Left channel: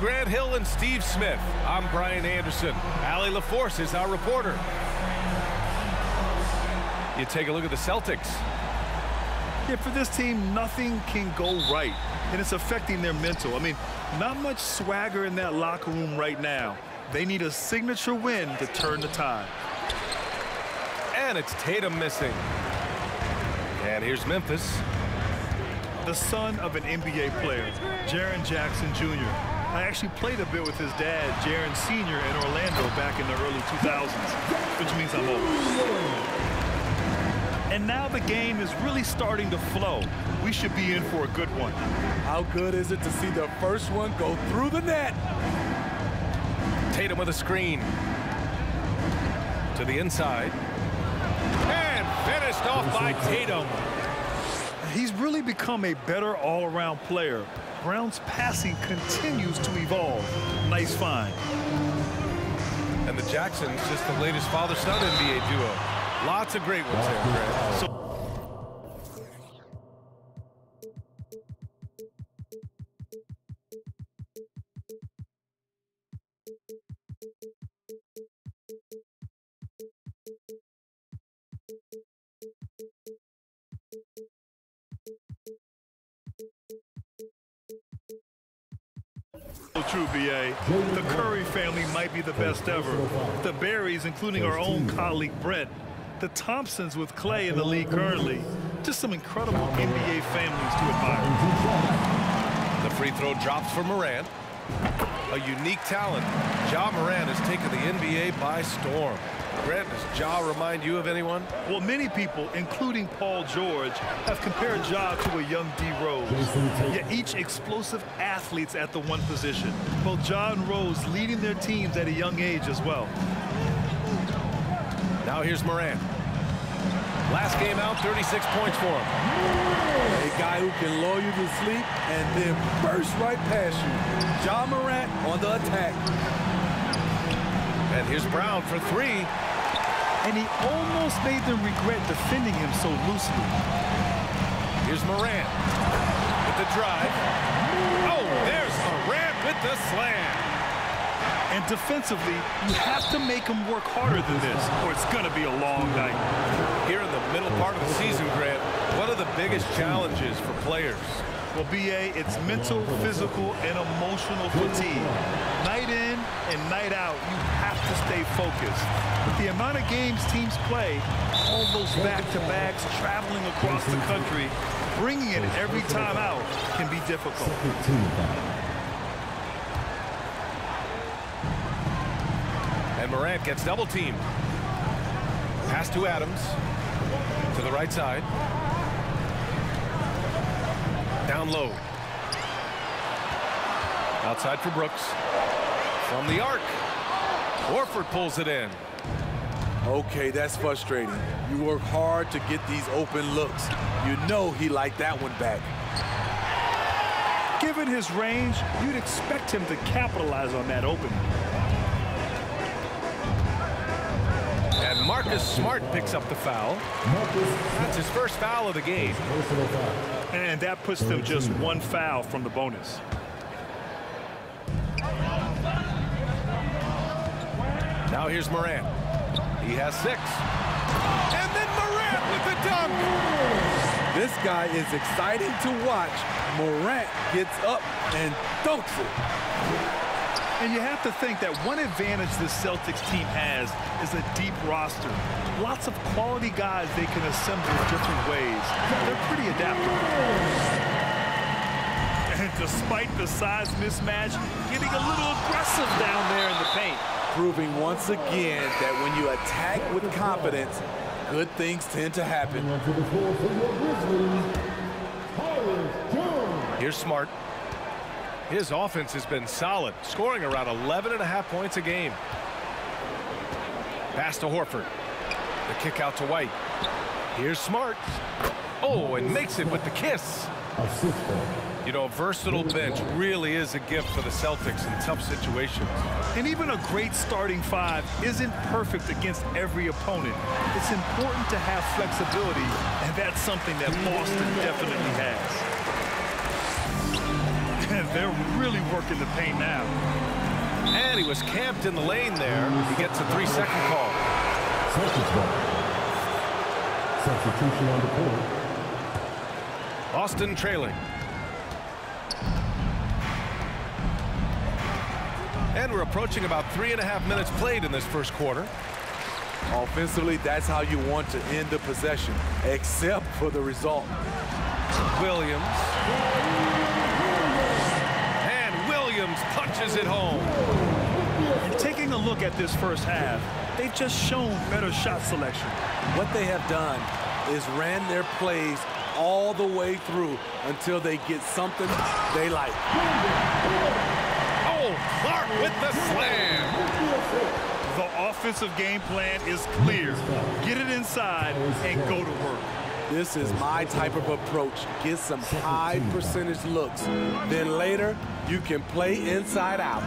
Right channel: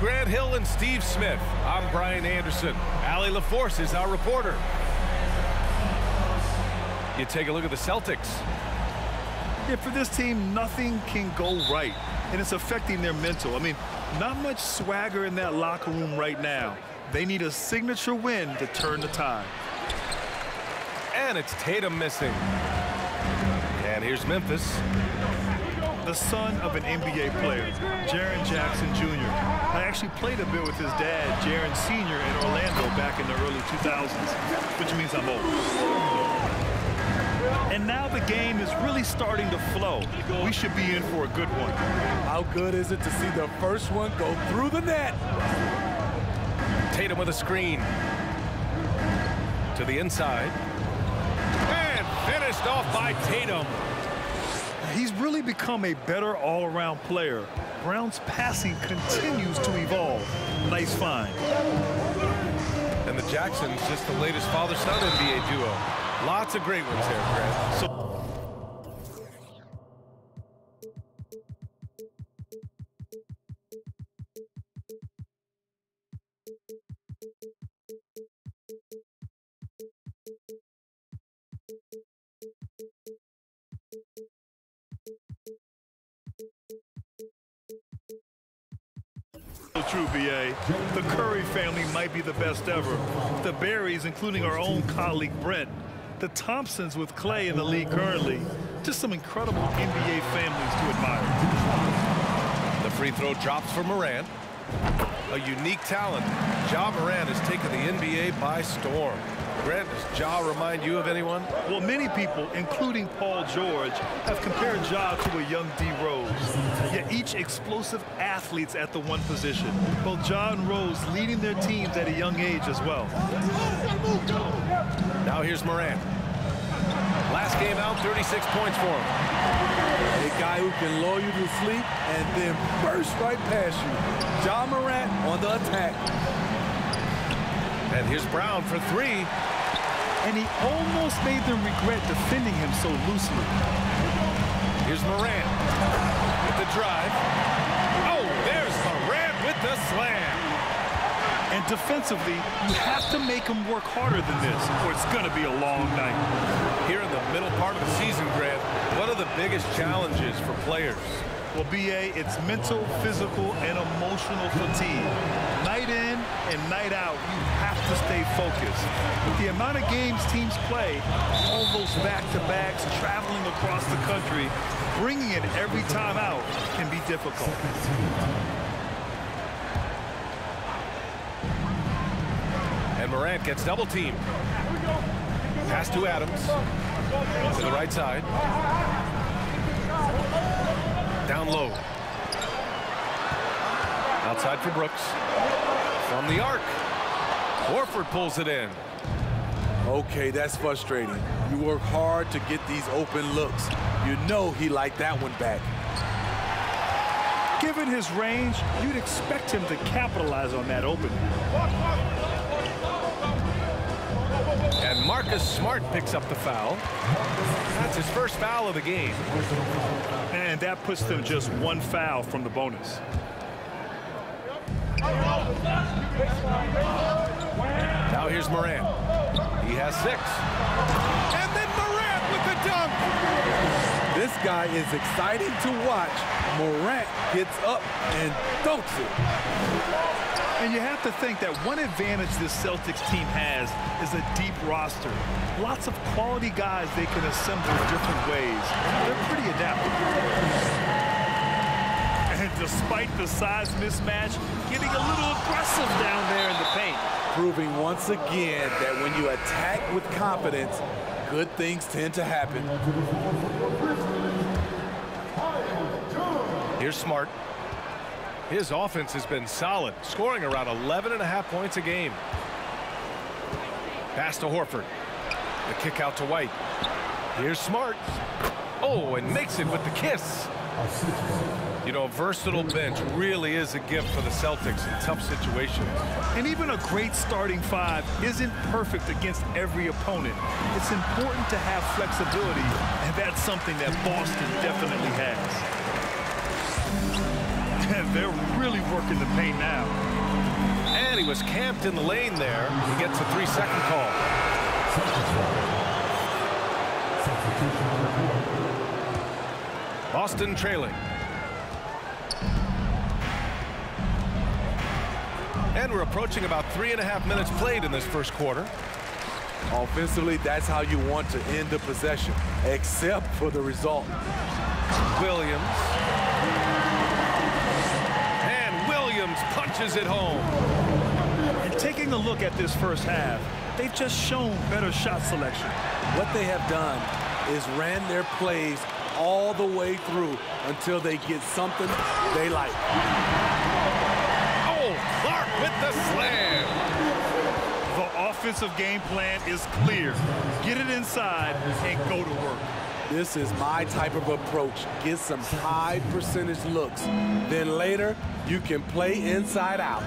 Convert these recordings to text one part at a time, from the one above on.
Grant Hill and Steve Smith. I'm Brian Anderson. Allie LaForce is our reporter. You take a look at the Celtics. Yeah, for this team, nothing can go right, and it's affecting their mental. I mean, not much swagger in that locker room right now. They need a signature win to turn the tide. And it's Tatum missing. And here's Memphis. The son of an NBA player, Jaren Jackson Jr. I actually played a bit with his dad, Jaren Sr. in Orlando back in the early 2000s, which means I'm old. And now the game is really starting to flow. We should be in for a good one. How good is it to see the first one go through the net? Tatum with a screen. To the inside. And finished off by Tatum. He's really become a better all-around player. Brown's passing continues to evolve. Nice find. And the Jacksons, just the latest father-son NBA duo. Lots of great ones there, Grant. True, BA. The Curry family might be the best ever. The Berries, including our own colleague Brent. The Thompsons with Clay in the league currently. Just some incredible NBA families to admire. The free throw drops for Morant. A unique talent. Ja Morant has taken the NBA by storm. Grant, does Ja remind you of anyone? Well, many people, including Paul George, have compared Ja to a young D. Rose. Yet each explosive athletes at the one position. Both Ja and Rose leading their teams at a young age as well. Now here's Morant. Last game out, 36 points for him. A guy who can lull you to sleep and then burst right past you. Ja Morant on the attack. And here's Brown for three. And he almost made them regret defending him so loosely. Here's Morant with the drive. Oh, there's Morant with the slam. And defensively, you have to make him work harder than this, or it's going to be a long night. Here in the middle part of the season, Grant, what are the biggest challenges for players? Well, BA, it's mental, physical, and emotional fatigue. Night in and night out, you have to stay focused. With the amount of games teams play, all those back-to-backs, traveling across the country, bringing it every time out can be difficult. And Morant gets double-teamed. Pass to Adams. To the right side. Down low. Outside for Brooks. From the arc. Horford pulls it in. Okay, that's frustrating. You work hard to get these open looks. You know he liked that one back. Given his range, you'd expect him to capitalize on that opening. And Marcus Smart picks up the foul. That's his first foul of the game. And that puts them just one foul from the bonus. Now here's Morant. He has 6. And then Morant with the dunk. This guy is exciting to watch. Morant gets up and dunks it. And you have to think that one advantage this Celtics team has is a deep roster. Lots of quality guys they can assemble different ways. They're pretty adaptable. And despite the size mismatch, getting a little aggressive down there in the paint. Proving once again that when you attack with confidence, good things tend to happen. Here's Smart. His offense has been solid, scoring around 11.5 points a game. Pass to Horford. The kick out to White. Here's Smart. Oh, and makes it with the kiss. You know, a versatile bench really is a gift for the Celtics in tough situations. And even a great starting five isn't perfect against every opponent. It's important to have flexibility, and that's something that Boston definitely has. They're really working the paint now. And he was camped in the lane there. He gets a 3-second call. Substitution on the court. Boston trailing. And we're approaching about 3.5 minutes played in this first quarter. Offensively, that's how you want to end the possession, except for the result. Williams. And Williams punches it home. And taking a look at this first half, they've just shown better shot selection. What they have done is ran their plays all the way through until they get something they like. Oh, Clark with the slam. The offensive game plan is clear. Get it inside and go to work. This is my type of approach. Get some high percentage looks. Then later, you can play inside out.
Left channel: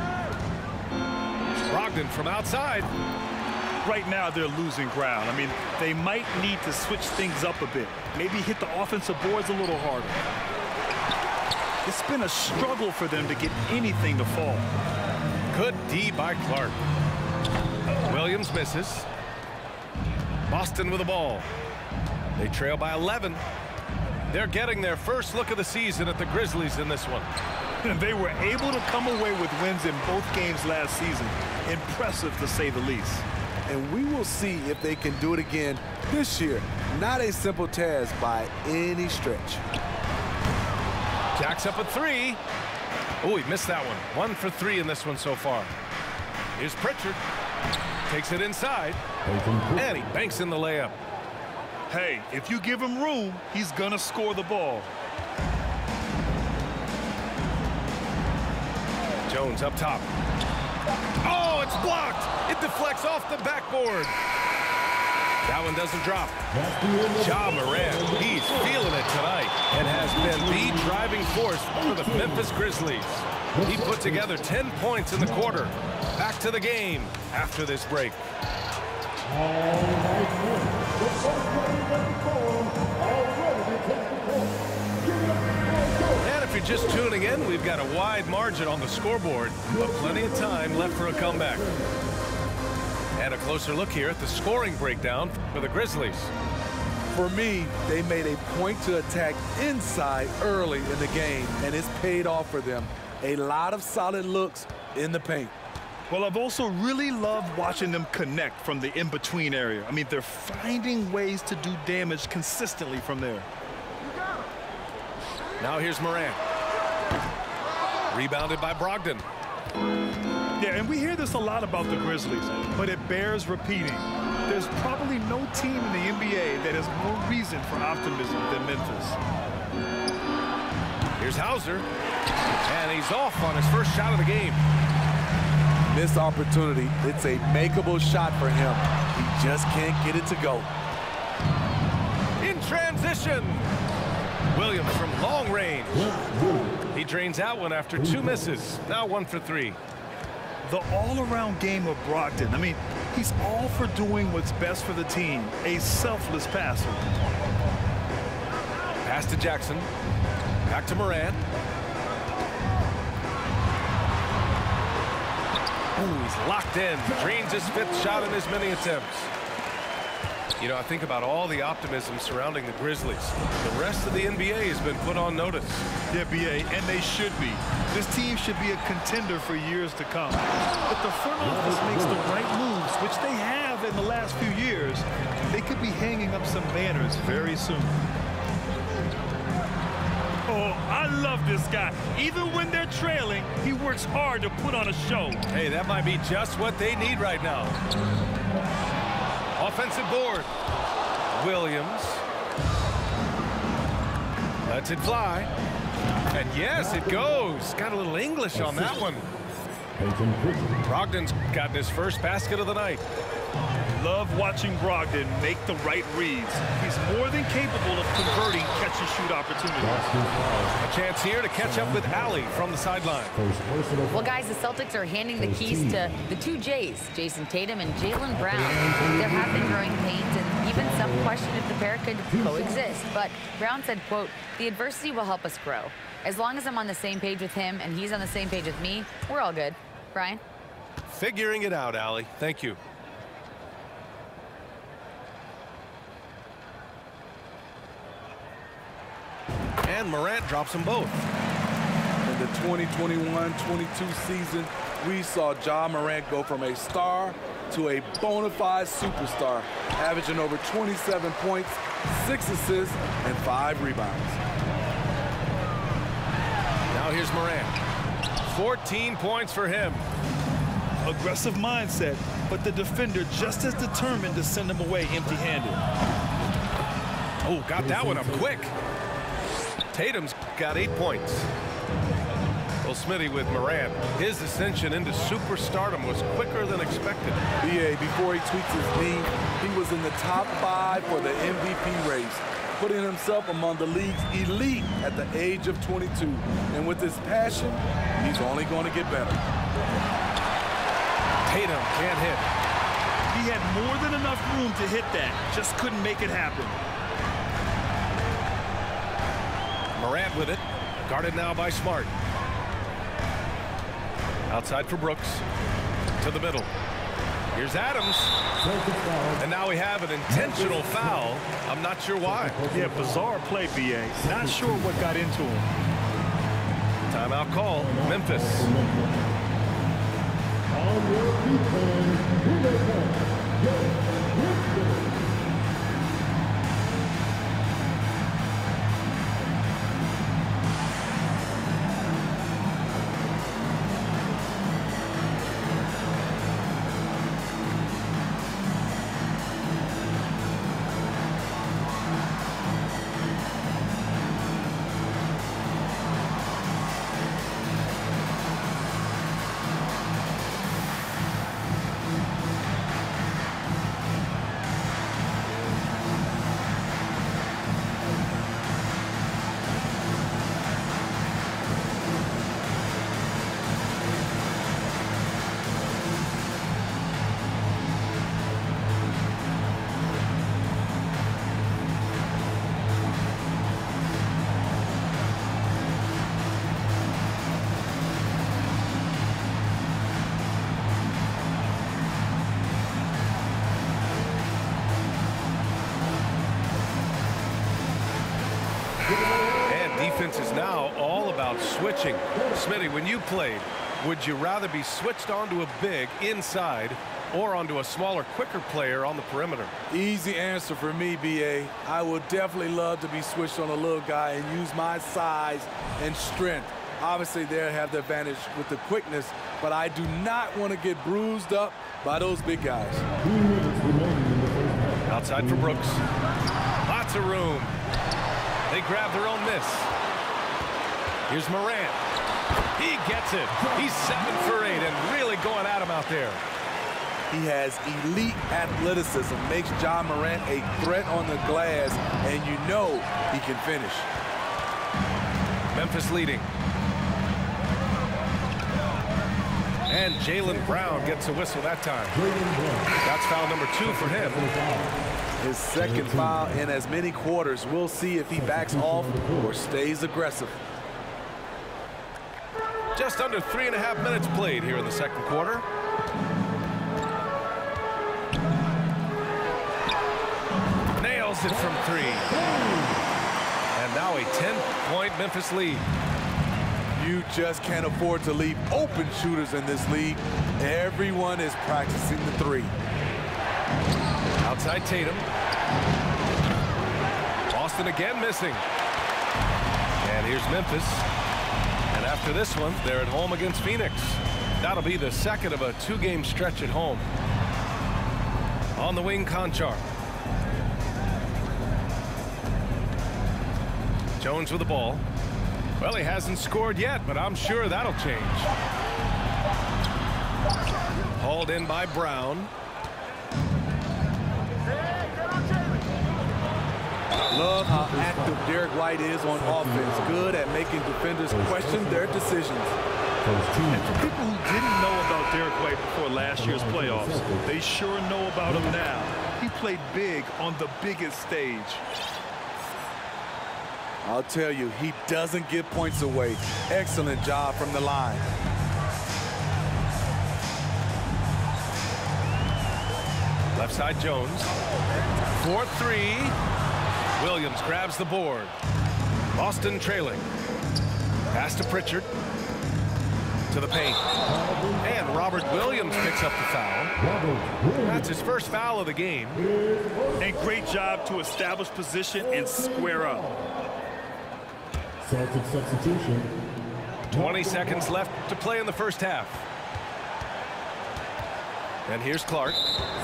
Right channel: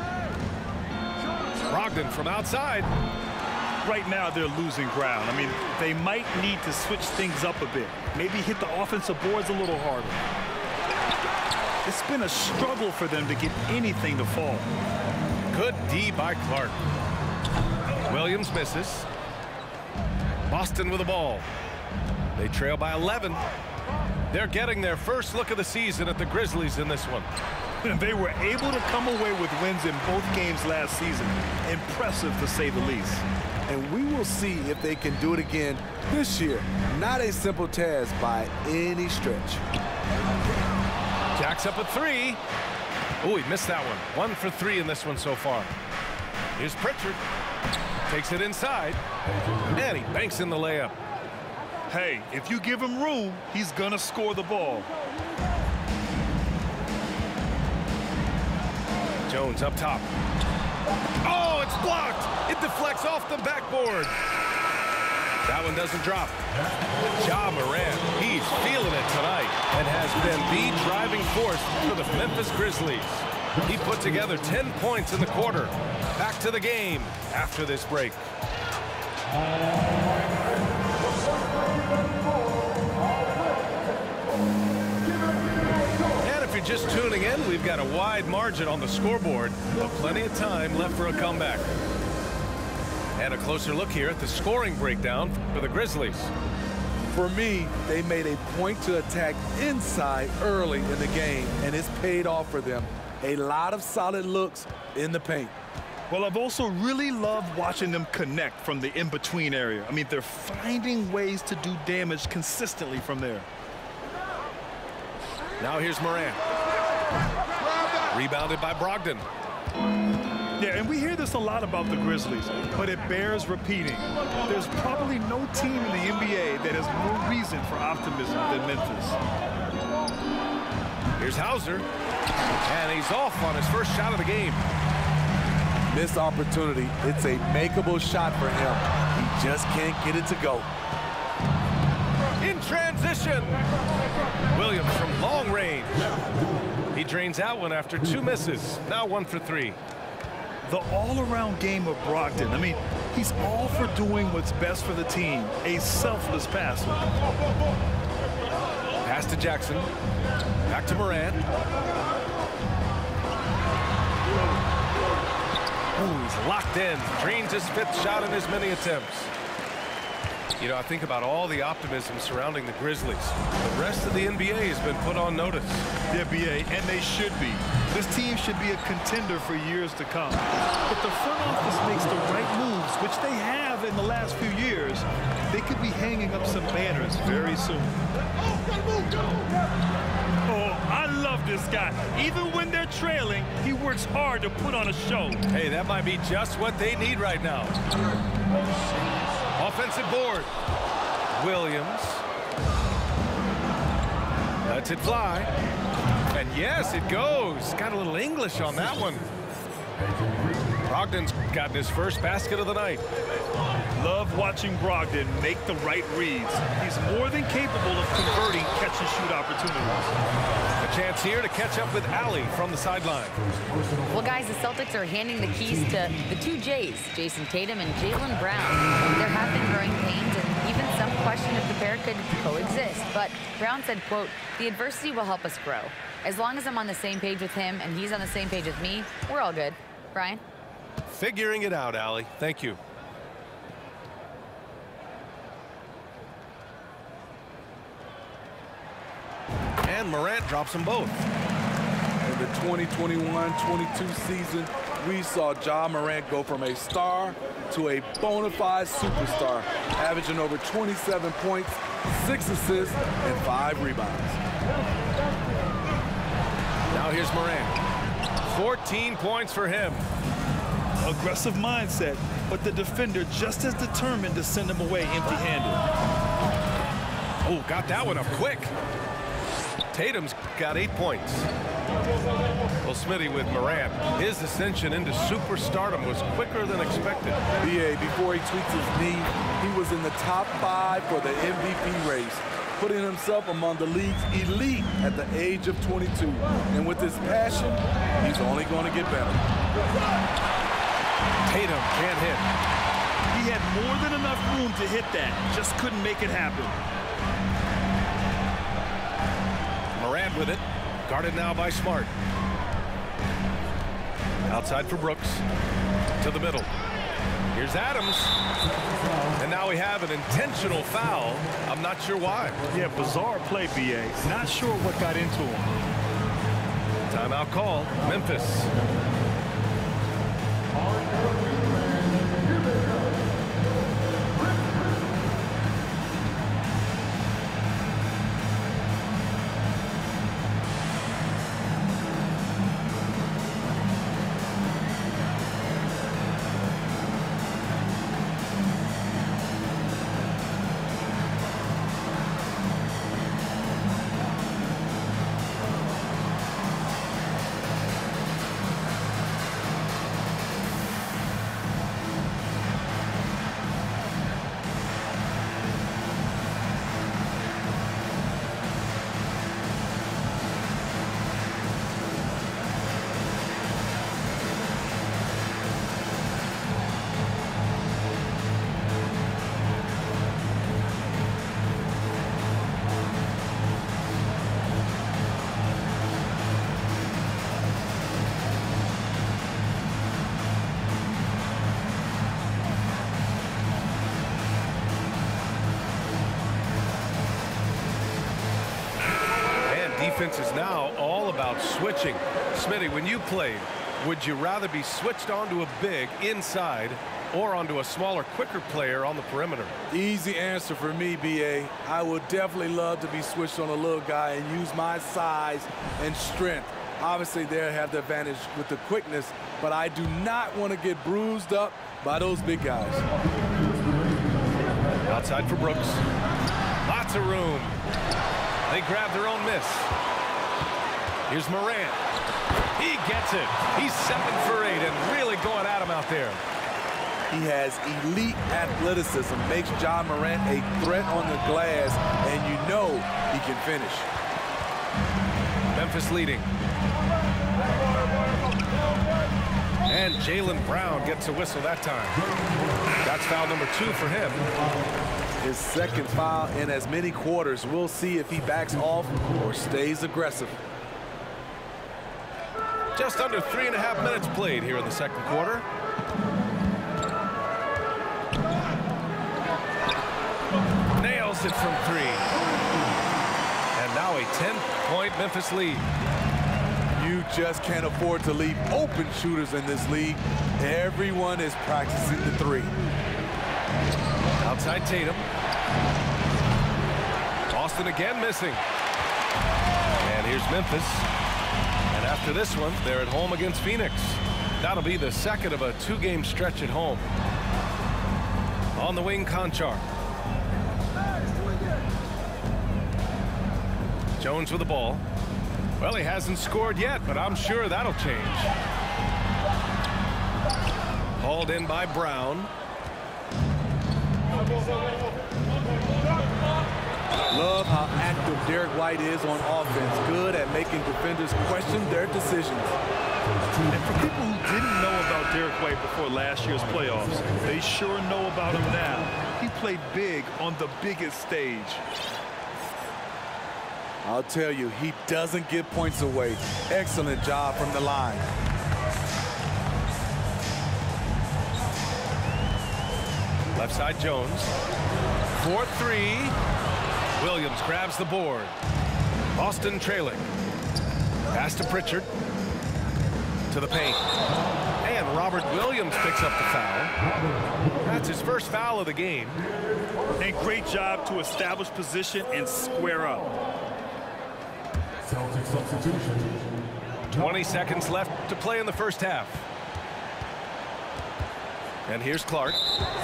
Brogdon from outside. Right now, they're losing ground. I mean, they might need to switch things up a bit. Maybe hit the offensive boards a little harder. It's been a struggle for them to get anything to fall. Good D by Clark. Williams misses. Boston with the ball. They trail by 11. They're getting their first look of the season at the Grizzlies in this one. And they were able to come away with wins in both games last season. Impressive, to say the least. And we will see if they can do it again this year. Not a simple task by any stretch. Jack's up at 3. Oh, he missed that one. 1 for 3 in this one so far. Here's Pritchard. Takes it inside. And he banks in the layup. Hey, if you give him room, he's gonna score the ball. Jones up top. Oh, it's blocked. It deflects off the backboard. That one doesn't drop. Ja Morant, he's feeling it tonight and has been the driving force for the Memphis Grizzlies. He put together 10 points in the quarter. Back to the game after this break. And if you're just tuning in, we've got a wide margin on the scoreboard, but plenty of time left for a comeback. And a closer look here at the scoring breakdown for the Grizzlies. For me, they made a point to attack inside early in the game, and it's paid off for them. A lot of solid looks in the paint. Well, I've also really loved watching them connect from the in-between area. I mean, they're finding ways to do damage consistently from there. Now here's Morant. Rebounded by Brogdon. Yeah, and we hear this a lot about the Grizzlies, but it bears repeating. There's probably no team in the NBA that has more reason for optimism than Memphis. Here's Hauser. And he's off on his first shot of the game. Missed opportunity. It's a makeable shot for him. He just can't get it to go. In transition. Williams from long range. He drains out one after 2 misses. Now 1 for 3. The all-around game of Brogdon. I mean, he's all for doing what's best for the team. A selfless passer. Pass to Jackson. Back to Morant. Ooh, he's locked in. Drains his 5th shot in as many attempts. You know, I think about all the optimism surrounding the Grizzlies. The rest of the NBA has been put on notice. Yeah, BA, and they should be. This team should be a contender for years to come. If the front office makes the right moves, which they have in the last few years, they could be hanging up some banners very soon. Oh, I love this guy. Even when they're trailing, he works hard to put on a show. Hey, that might be just what they need right now. Offensive board. Williams. Lets it fly. And yes, it goes. Got a little English on that one. Brogdon's gotten his first basket of the night. Love watching Brogdon make the right reads. He's more than capable of converting catch-and-shoot opportunities. A chance here to catch up with Allie from the sideline. Well, guys, the Celtics are handing the keys to the 2 J's, Jason Tatum and Jaylen Brown. There have been growing pains and even some question if the pair could coexist. But Brown said, quote, "The adversity will help us grow. As long as I'm on the same page with him and he's on the same page with me, we're all good. Brian? Figuring it out, Allie. Thank you. And Morant drops them both. In the 2021-22 season, we saw Ja Morant go from a star to a bona fide superstar, averaging over 27 points, 6 assists, and 5 rebounds. Now here's Morant. 14 points for him. Aggressive mindset, but the defender just as determined to send him away empty-handed. Oh, got that one up quick. Tatum's got 8 points. Well, Smitty, with Morant, his ascension into superstardom was quicker than expected. BA, before he tweaks his knee, he was in the top 5 for the MVP race, putting himself among the league's elite at the age of 22. And with his passion, he's only going to get better. Tatum can't hit. He had more than enough room to hit that, just couldn't make it happen. Morant with it, guarded now by Smart. Outside for Brooks, to the middle. Here's Adams, and now we have an intentional foul. I'm not sure why. Yeah, bizarre play, BA. Not sure what got into him. Timeout call, Memphis. On your feet, man. Here they go. Grizzlies. Defense is now all about switching. Smitty, when you played, would you rather be switched onto a big inside or onto a smaller, quicker player on the perimeter? Easy answer for me, BA. I would definitely love to be switched on a little guy and use my size and strength. Obviously, they'll have the advantage with the quickness, but I do not want to get bruised up by those big guys. Outside for Brooks. Lots of room. They grab their own miss. Here's Morant. He gets it. He's 7 for 8 and really going at him out there. He has elite athleticism, makes Ja Morant a threat on the glass, and you know he can finish. Memphis leading. And Jaylen Brown gets a whistle that time. That's foul number 2 for him. His second foul in as many quarters. We'll see if he backs off or stays aggressive. Just under 3.5 minutes played here in the second quarter. Nails it from 3. And now a 10-point Memphis lead. You just can't afford to leave open shooters in this league. Everyone is practicing the 3. Outside Tatum. Boston again missing. And here's Memphis. And after this one, they're at home against Phoenix. That'll be the second of a 2-game stretch at home. On the wing, Conchar. Jones with the ball. Well, he hasn't scored yet, but I'm sure that'll change. Hauled in by Brown. Love how active Derek White is on offense. Good at making defenders question their decisions. And for people who didn't know about Derek White before last year's playoffs, they sure know about him now. He played big on the biggest stage. I'll tell you, he doesn't give points away. Excellent job from the line. Left side Jones. 4-3. Williams grabs the board. Boston trailing. Pass to Pritchard. To the paint. And Robert Williams picks up the foul. That's his first foul of the game. And great job to establish position and square up. Celtics substitution. 20 seconds left to play in the first half. And here's Clark.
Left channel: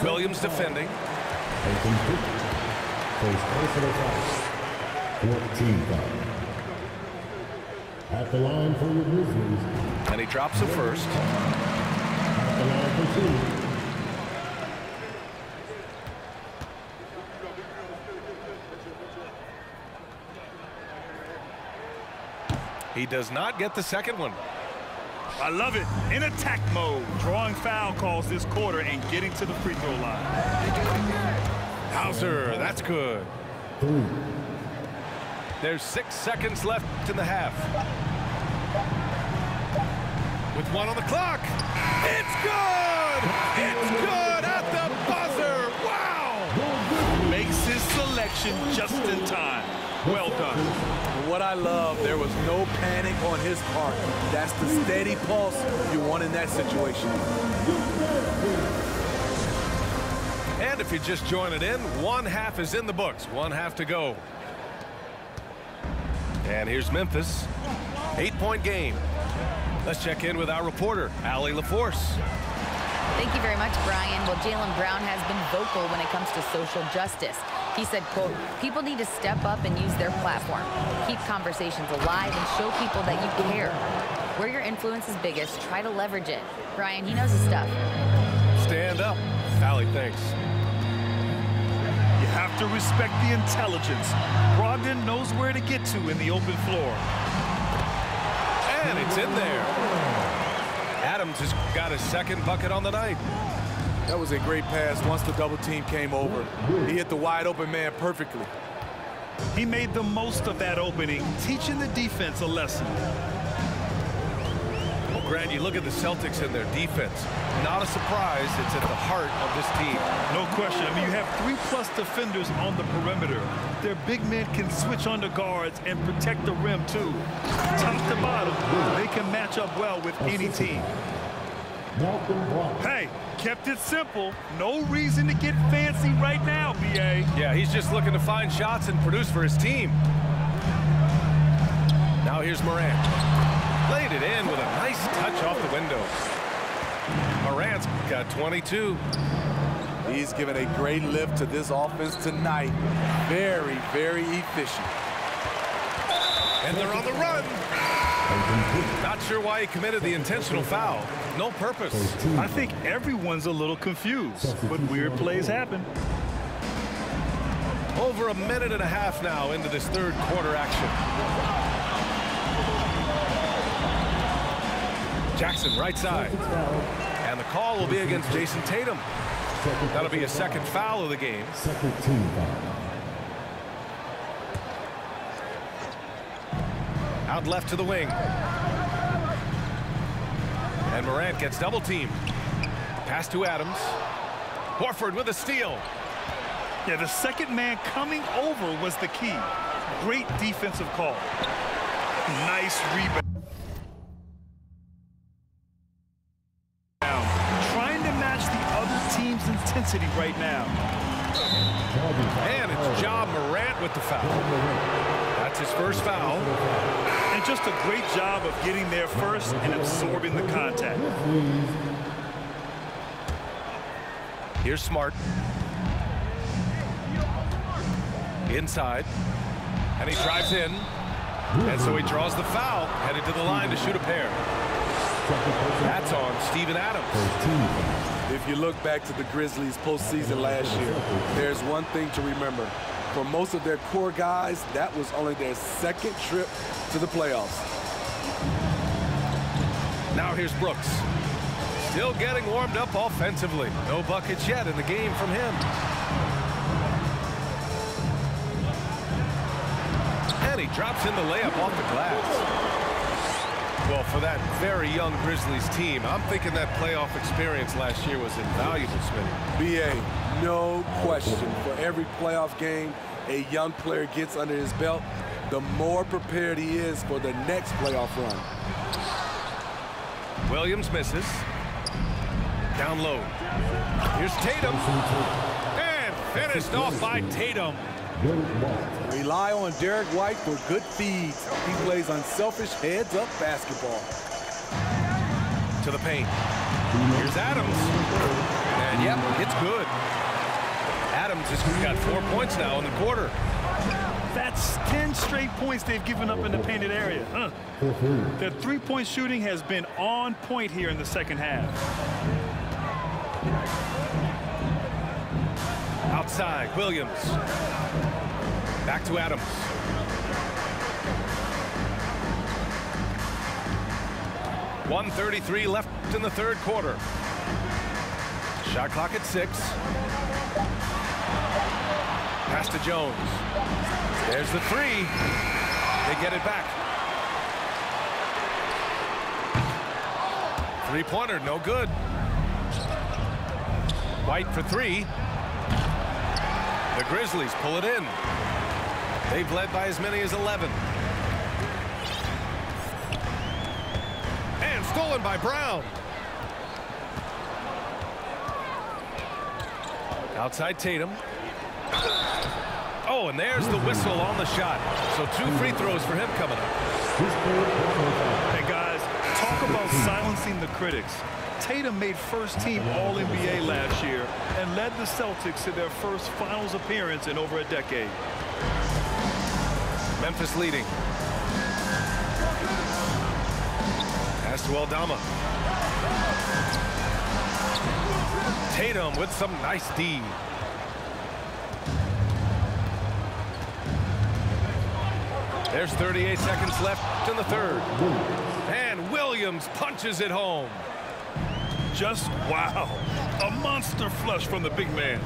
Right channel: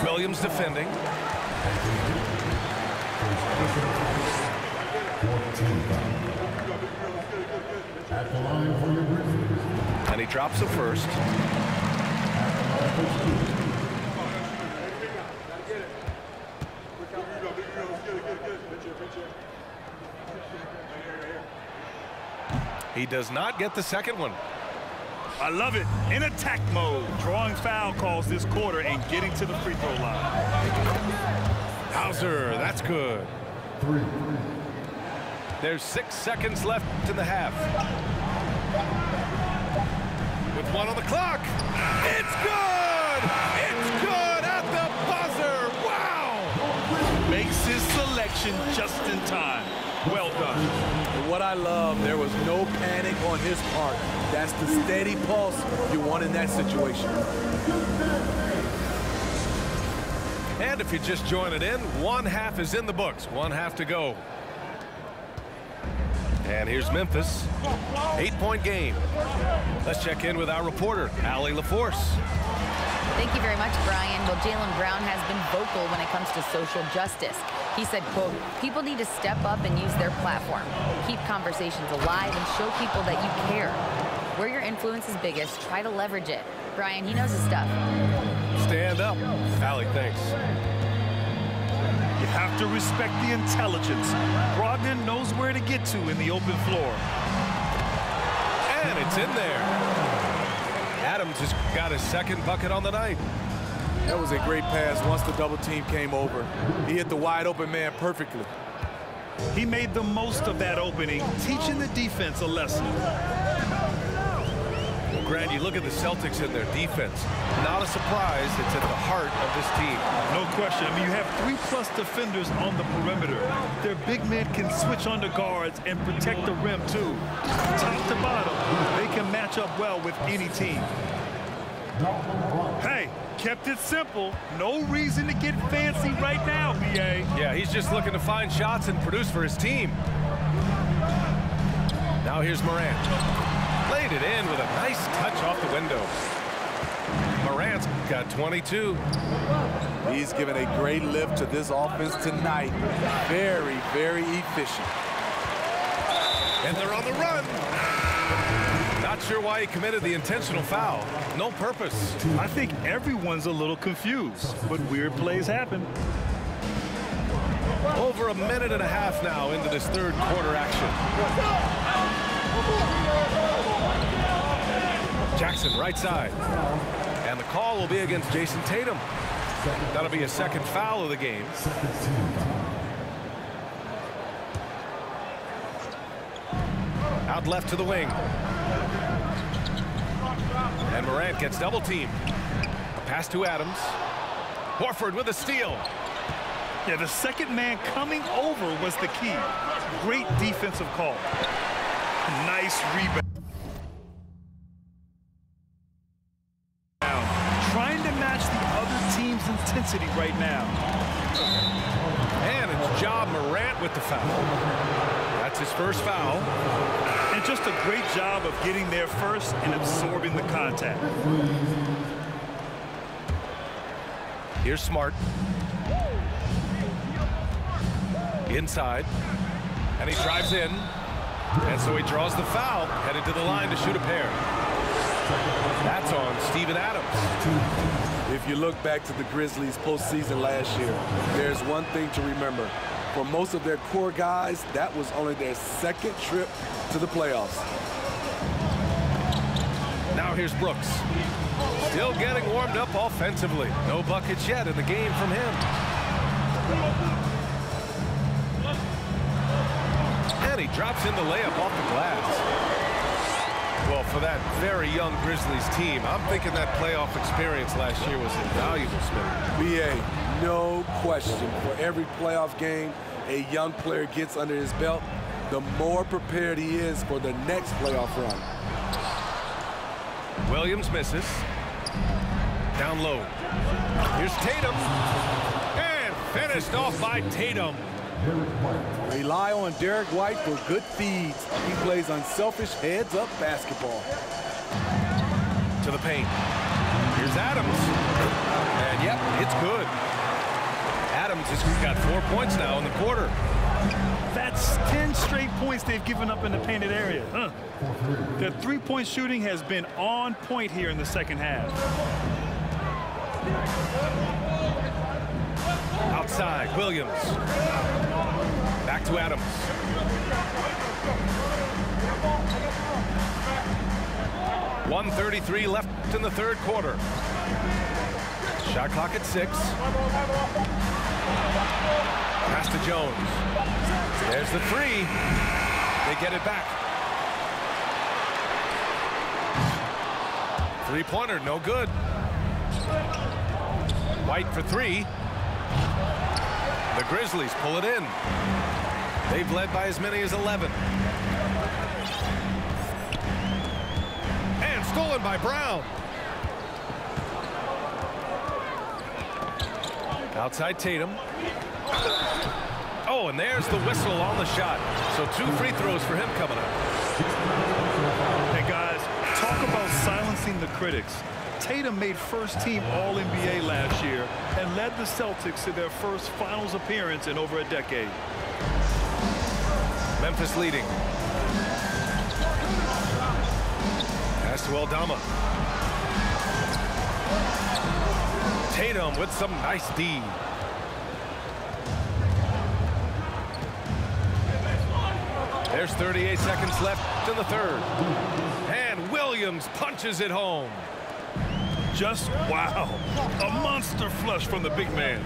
Williams defending. First personal foul. 14 foul. At the line for your Grizzlies. And he drops a first. At the line for two. He does not get the second one. I love it. In attack mode, drawing foul calls this quarter and getting to the free throw line. Hauser, that's good. 3. There's 6 seconds left in the half. With 1 on the clock. It's good! It's good at the buzzer! Wow! Makes his selection just in time. Well done. And what I love, there was no panic on his part. That's the steady pulse you want in that situation. And if you just join it in, 1 half is in the books. 1 half to go. And here's Memphis. 8-point game. Let's check in with our reporter, Allie LaForce. Thank you very much, Brian. Well, Jaylen Brown has been vocal when it comes to social justice. He said, quote, people need to step up and use their platform. Keep conversations alive and show people that you care. Where your influence is biggest, try to leverage it. Brian, he knows his stuff. Stand up. Allie, thanks. You have to respect the intelligence. Brogdon knows where to get to in the open floor. And it's in there. Adams has got his second bucket on the night. That was a great pass once the double team came over. He hit the wide open man perfectly. He made the most of that opening, teaching the defense a lesson. Well, Grant, you look at the Celtics and their defense. Not a surprise, it's at the heart of this team. No question. I mean, you have 3+ defenders on the perimeter. Their big men can switch on the guards and protect the rim, too. Top to bottom, they can match up well with any team. Hey, kept it simple. No reason to get fancy right now, B.A. Yeah, he's just looking to find shots and produce for his team. Now here's Morant. Laid it in with a nice touch off the window. Morant's got 22. He's given a great lift to this offense tonight. Very, very efficient. And they're on the run. Not sure why he committed the intentional foul. No purpose. I think everyone's a little confused, but weird plays happen. Over a minute and a half now into this third quarter action. Jackson right side. And the call will be against Jason Tatum. That'll be a second foul of the game. Second team foul. Out left to the wing. And Morant gets double teamed. Pass to Adams. Horford with a steal. Yeah, the second man coming over was the key. Great defensive call. Nice rebound. Trying to match the other team's intensity right now. And it's Ja Morant with the foul. That's his first foul. And just a great job of getting there first and absorbing the contact. Here's Smart. Inside. And he drives in. And so he draws the foul, headed to the line to shoot a pair. That's on Steven Adams. If you look back to the Grizzlies postseason last year, there's one thing to remember. For most of their core guys, that was only their second trip to the playoffs. Now here's Brooks. Still getting warmed up offensively. No buckets yet in the game from him. And And he drops in the layup off the glass. Well, for that very young Grizzlies team, I'm thinking that playoff experience last year was invaluable, Smitty. BA, no question. For every playoff game a young player gets under his belt, the more prepared he is for the next playoff run. Williams misses. Down low. Here's Tatum. And finished off by Tatum. Rely on Derek White for good feeds. He plays unselfish heads-up basketball. To the paint. Here's Adams. And yep, it's good. Adams has got 4 points now in the quarter. That's 10 straight points they've given up in the painted area. Their three-point shooting has been on point here in the second half. Outside, Williams. Back to Adams. .133 left in the third quarter. Shot clock at 6. Pass to Jones. There's the 3. They get it back. Three-pointer, no good. White for 3. The Grizzlies pull it in. They've led by as many as 11. And stolen by Brown. Outside Tatum. Oh, and there's the whistle on the shot. So 2 free throws for him coming up. Hey, guys, talk about silencing the critics. Tatum made first-team All-NBA last year and led the Celtics to their first finals appearance in over a decade. Memphis leading. Pass to Aldama. Tatum with some nice D. There's 38 seconds left in the third. And Williams punches it home. Just wow. A monster flush from the big man.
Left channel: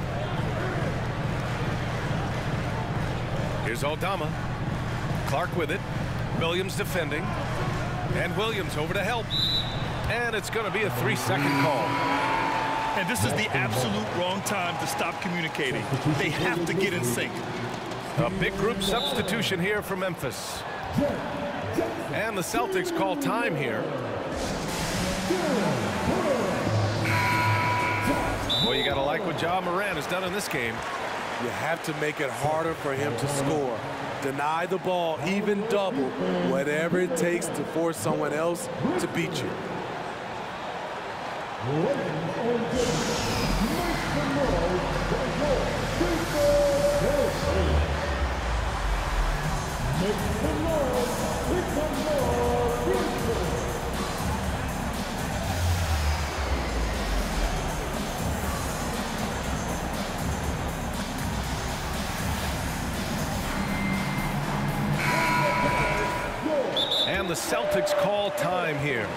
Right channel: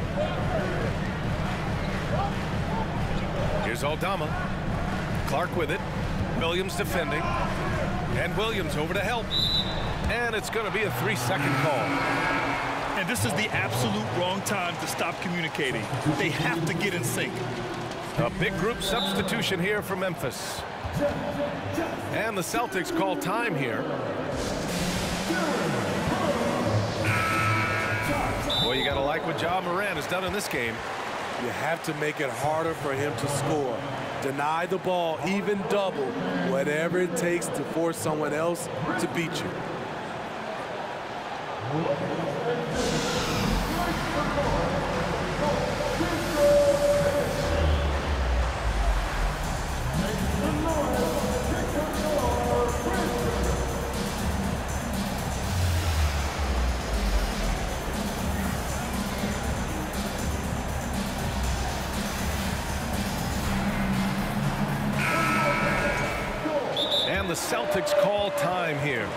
Here's Aldama. Clark with it. Williams defending. And Williams over to help. And it's going to be a 3-second call. And this is the absolute wrong time to stop communicating. They have to get in sync. A big group substitution here for Memphis. And the Celtics call time here. Well, you got to like what Ja Morant has done in this game. You have to make it harder for him to score. Deny the ball, even double, whatever it takes to force someone else to beat you. And the Celtics call time here.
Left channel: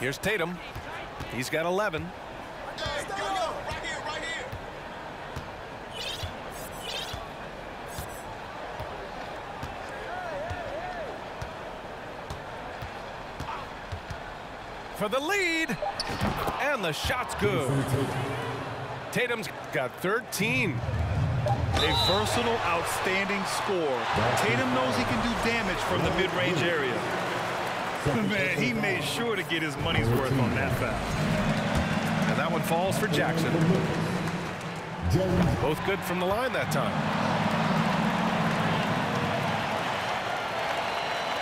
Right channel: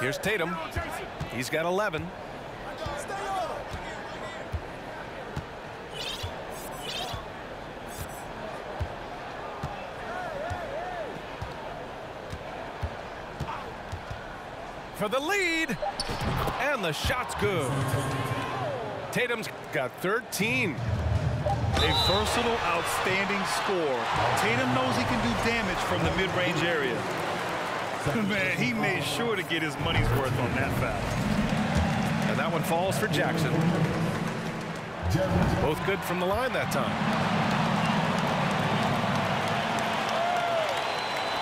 Here's Tatum. He's got 11. For the lead, and the shot's good. Tatum's got 13. A versatile, outstanding scorer. Tatum knows he can do damage from the mid-range area. Man, he made sure to get his money's worth on that foul. And that one falls for Jackson. Both good from the line that time.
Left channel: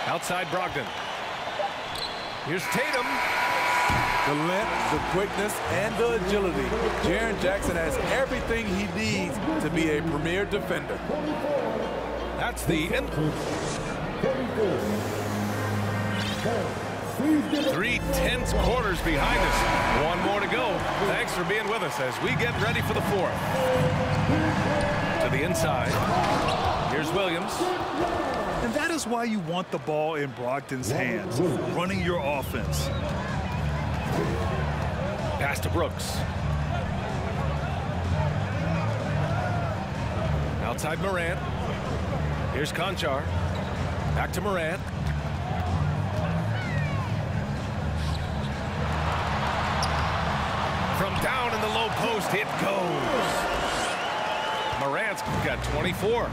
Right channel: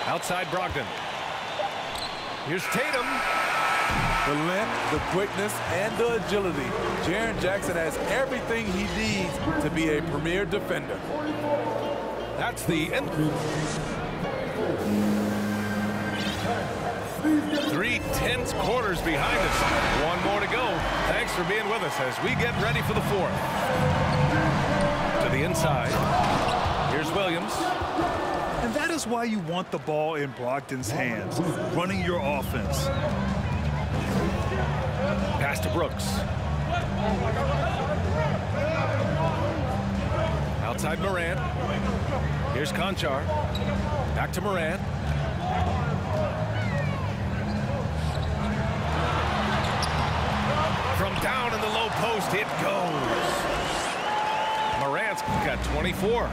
Outside Brogdon. Here's Tatum. The length, the quickness, and the agility. Jaren Jackson has everything he needs to be a premier defender. That's the end. 3 tense quarters behind us. One more to go. Thanks for being with us as we get ready for the fourth. To the inside. Here's Williams. And that is why you want the ball in Brogdon's hands, running your offense. Pass to Brooks. Outside Morant. Here's Conchar. Back to Morant. From down in the low post, it goes. Morant's got 24.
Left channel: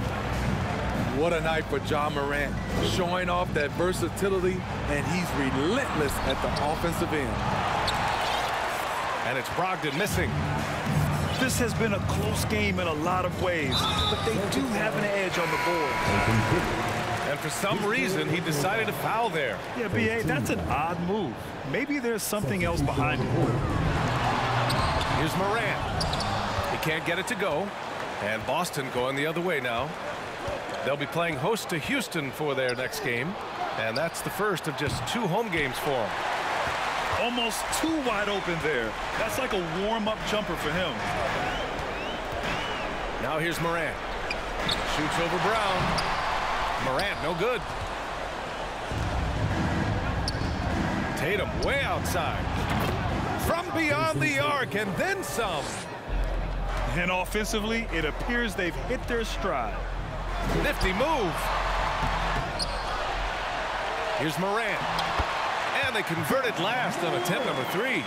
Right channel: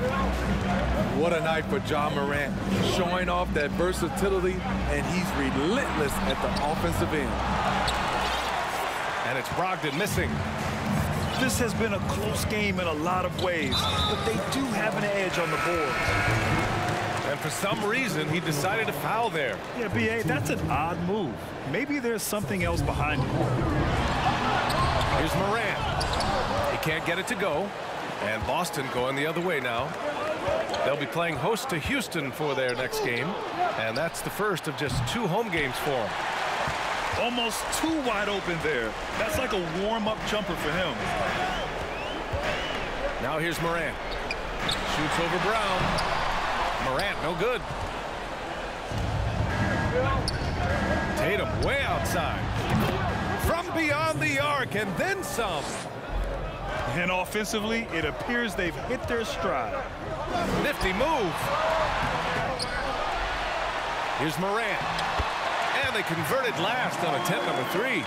What a night for Ja Morant, showing off that versatility, and he's relentless at the offensive end. And it's Brogdon missing. This has been a close game in a lot of ways, but they do have an edge on the boards. And for some reason, he decided to foul there. Yeah, B.A., that's an odd move. Maybe there's something else behind it. Here's Morant. He can't get it to go. And Boston going the other way now. They'll be playing host to Houston for their next game. And that's the first of just 2 home games for them. Almost too wide open there. That's like a warm-up jumper for him. Now here's Morant. Shoots over Brown. Morant, no good. Tatum way outside. From beyond the arc and then some. And offensively, it appears they've hit their stride. Nifty move. Here's Morant. And they converted last on attempt number 3.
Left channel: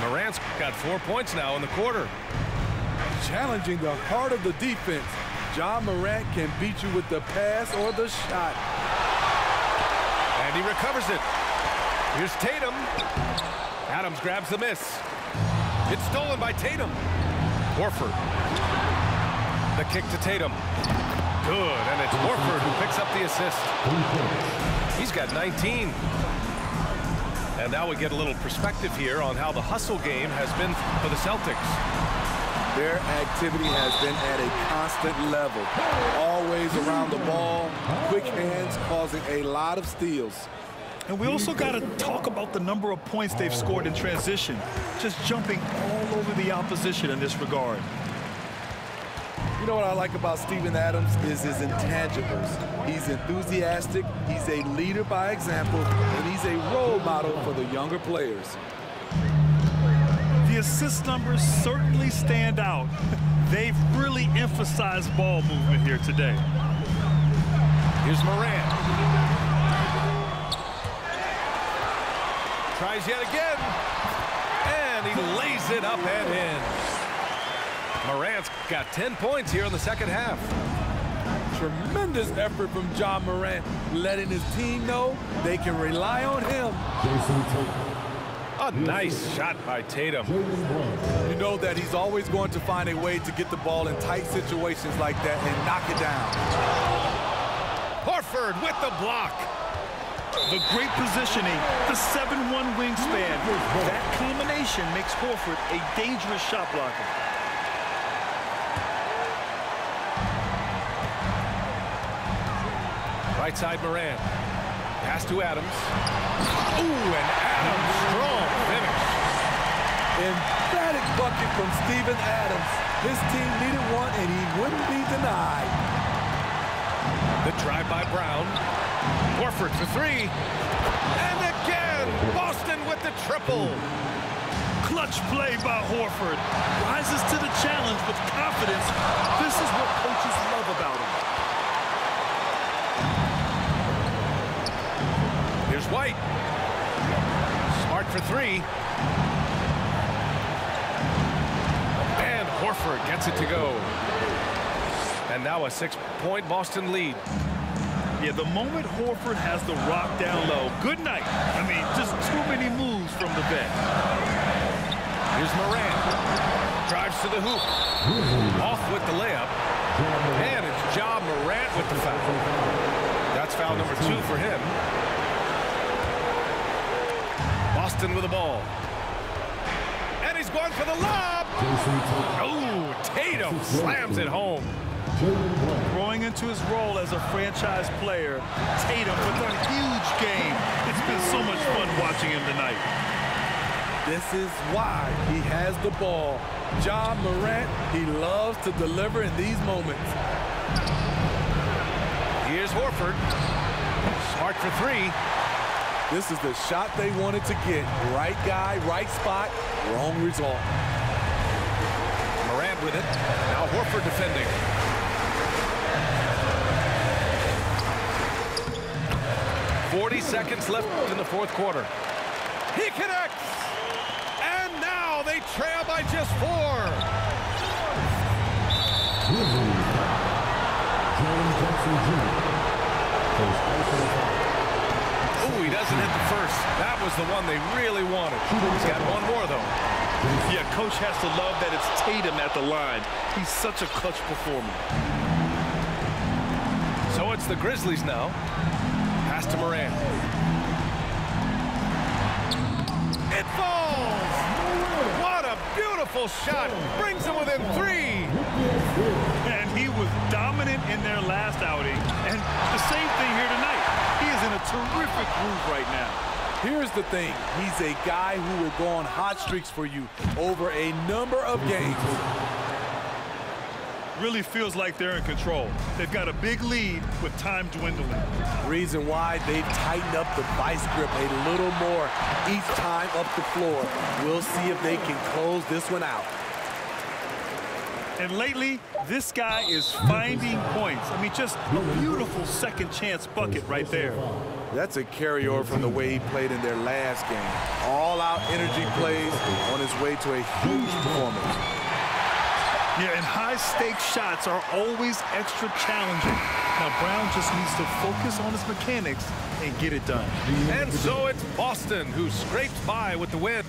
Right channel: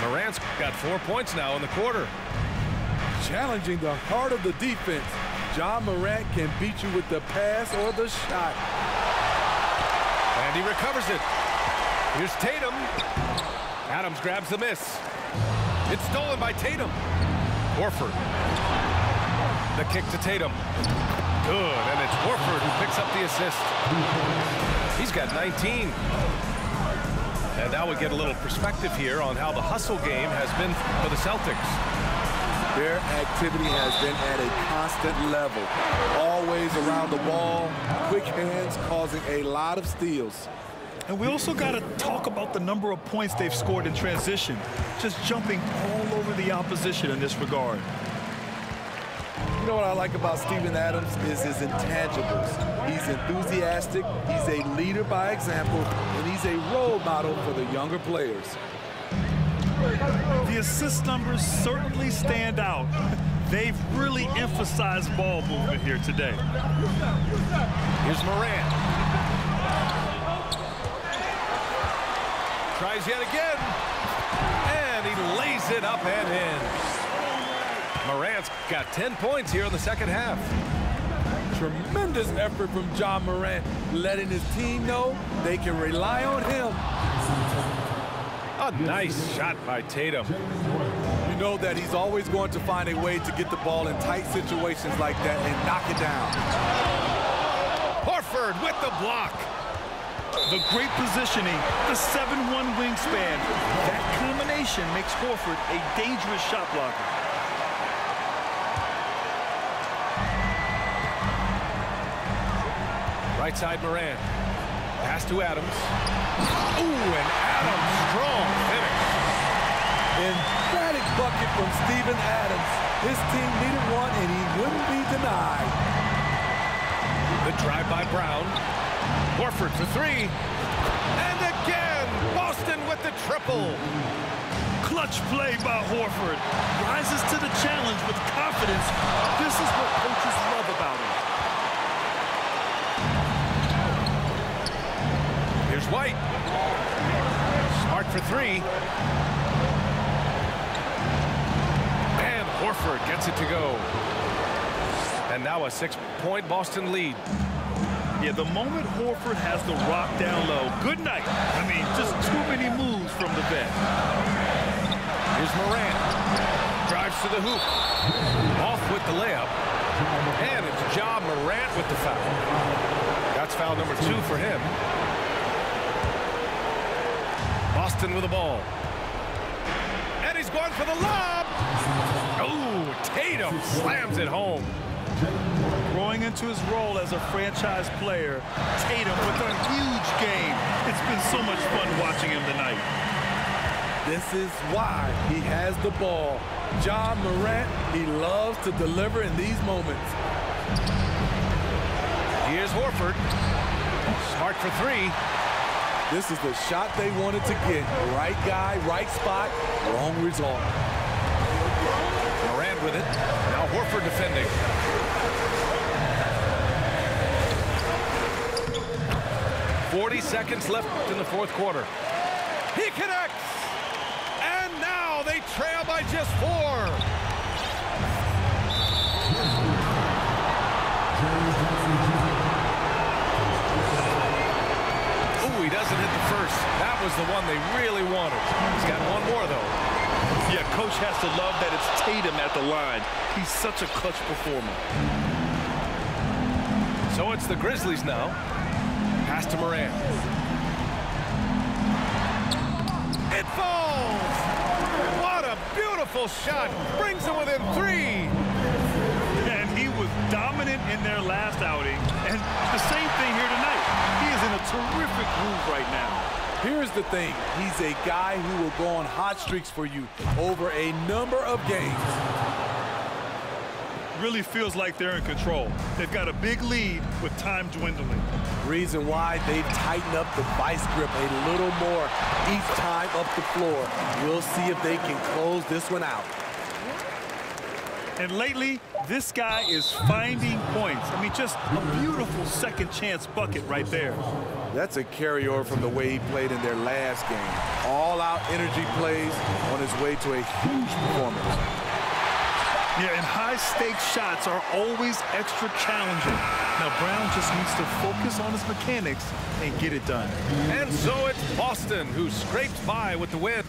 Morant's got 4 points now in the quarter. Challenging the heart of the defense. Ja Morant can beat you with the pass or the shot. And he recovers it. Here's Tatum. Adams grabs the miss. It's stolen by Tatum. Horford. The kick to Tatum. Good, and it's Horford who picks up the assist. He's got 19. And now we get a little perspective here on how the hustle game has been for the Celtics. Their activity has been at a constant level. Always around the ball, quick hands causing a lot of steals. And we also got to talk about the number of points they've scored in transition, just jumping all over the opposition in this regard. You know what I like about Steven Adams is his intangibles. He's enthusiastic, he's a leader by example, and he's a role model for the younger players. The assist numbers certainly stand out. They've really emphasized ball movement here today. Here's Morant. Tries yet again. And he lays it up and in. Morant's got 10 points here in the second half. Tremendous effort from Ja Morant, letting his team know they can rely on him. A nice shot by Tatum. You know that he's always going to find a way to get the ball in tight situations like that and knock it down. Horford with the block. The great positioning, the 7'1" wingspan. That combination makes Horford a dangerous shot blocker. Right side Morant. Pass to Adams. Ooh, and Adams, strong finish. Emphatic bucket from Steven Adams. His team needed one, and he wouldn't be denied. The drive by Brown. Horford for 3. And again, Boston with the triple. Clutch play by Horford. Rises to the challenge with confidence. This is what coaches love about him. Here's White. Smart for three. And Horford gets it to go. And now a 6-point Boston lead. Yeah, the moment Horford has the rock down low, good night. I mean, just too many moves from the vet. Here's Morant. Drives to the hoop. Off with the layup. And it's Ja Morant with the foul. That's foul number 2 for him. Boston with the ball. And he's going for the lob. Oh, Tatum slams it home. Growing into his role as a franchise player, Tatum with a huge game. It's been so much fun watching him tonight. This is why he has the ball. Ja Morant, he loves to deliver in these moments. Here's Horford. Smart for three. This is the shot they wanted to get. Right guy, right spot, wrong result. Morant with it. Now Horford defending. .40 seconds left in the fourth quarter. He connects! And now they trail by just 4. Oh, he doesn't hit the first. That was the one they really wanted. He's got one more, though. Yeah, coach has to love that it's Tatum at the line. He's such a clutch performer. So it's the Grizzlies now. Pass to Morant. It falls! What a beautiful shot. Brings them within 3. And he was dominant in their last outing. And the same thing here tonight. He is in a terrific groove right now. Here's the thing. He's a guy who will go on hot streaks for you over a number of games. Really feels like they're in control. They've got a big lead with time dwindling. Reason why they've tightened up the vice grip a little more each time up the floor. We'll see if they can close this one out. And lately, this guy is finding points. I mean, just a beautiful second chance bucket right there. That's a carryover from the way he played in their last game. All-out energy plays on his way to a huge performance. Yeah, and high-stakes shots are always extra challenging. Now, Brown just needs to focus on his mechanics and get it done. And so it's Boston who scrapes by with the win.